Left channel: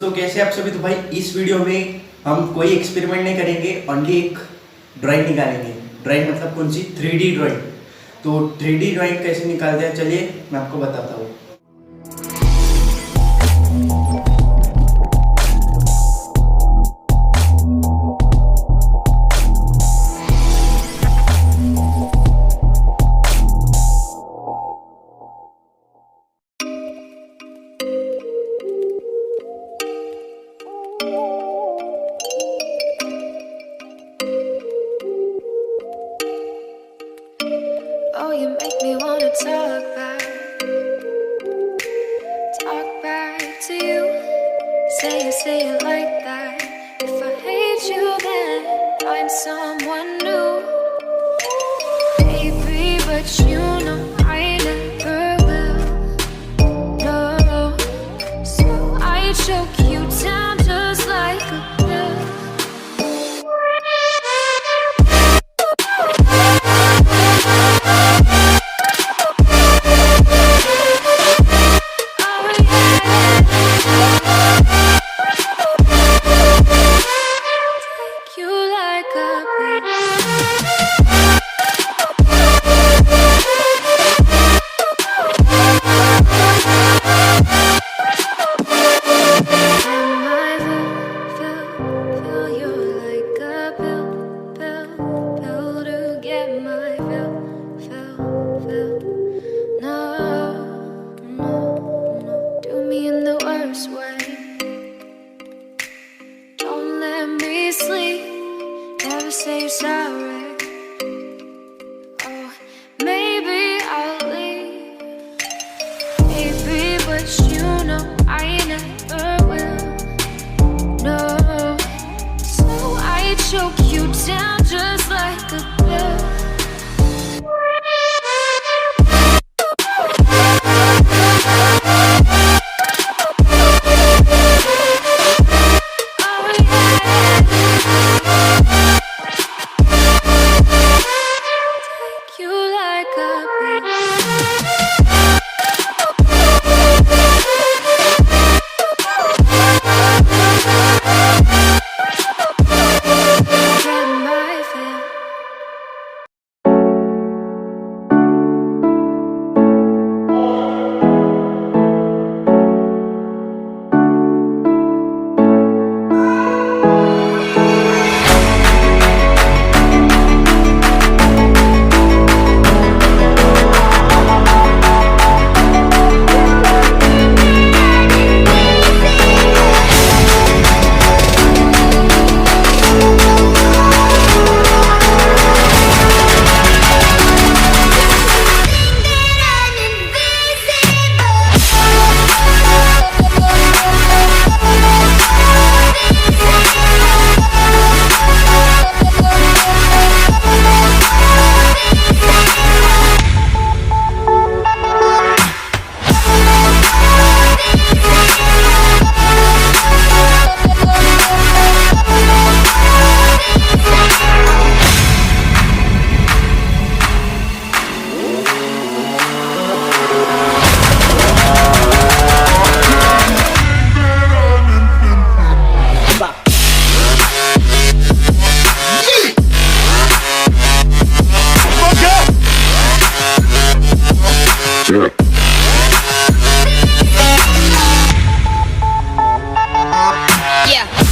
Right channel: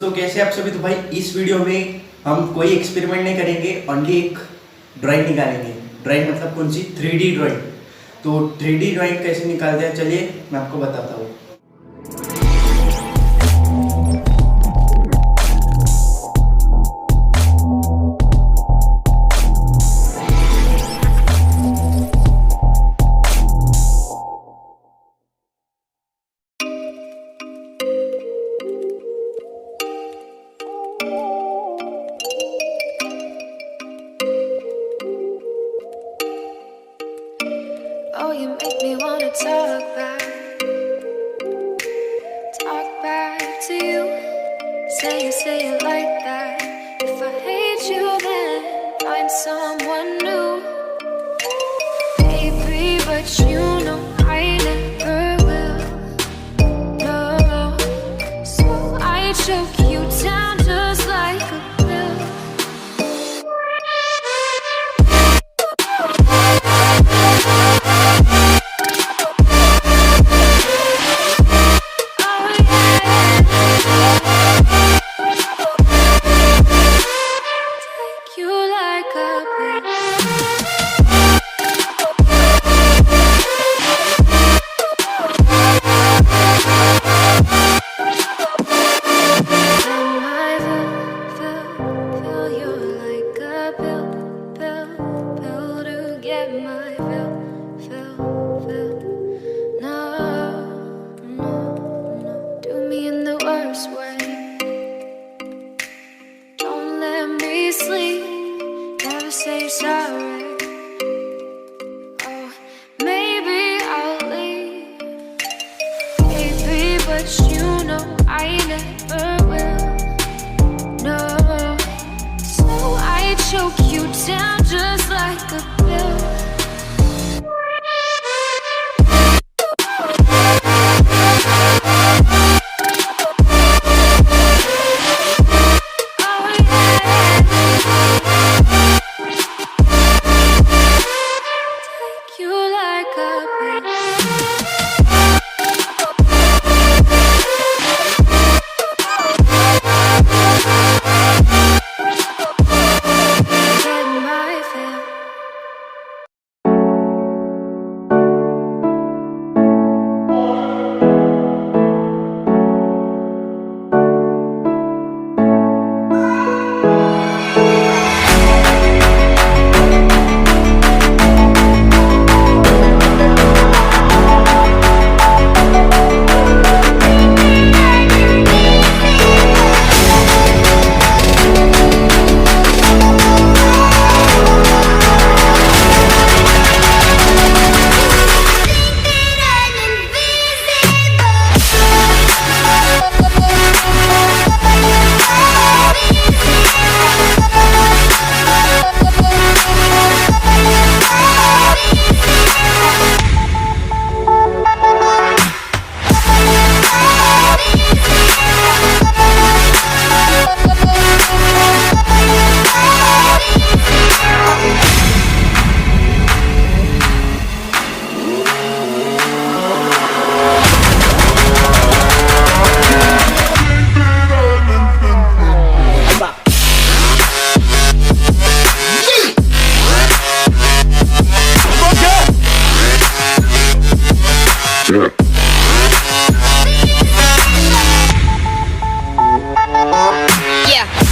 तो कैसे आप सभी। तो भाई इस वीडियो में हम कोई एक्सपेरिमेंट नहीं करेंगे, ओनली एक ड्राइंग निकालेंगे। ड्राइंग मतलब कौन सी? 3D drawing. तो 3D ड्राइंग कैसे निकालते हैं चलिए मैं आपको बताता हूँ। Oh, you make me wanna talk back to you. Say it like that. If I hate you, then find someone new, baby. But you know I never will. No, so I choke you down just like a pill. Sleep, never say sorry. Oh, maybe I'll leave, baby, but you know I never will. No, so I choke you down just like a pill. Yeah.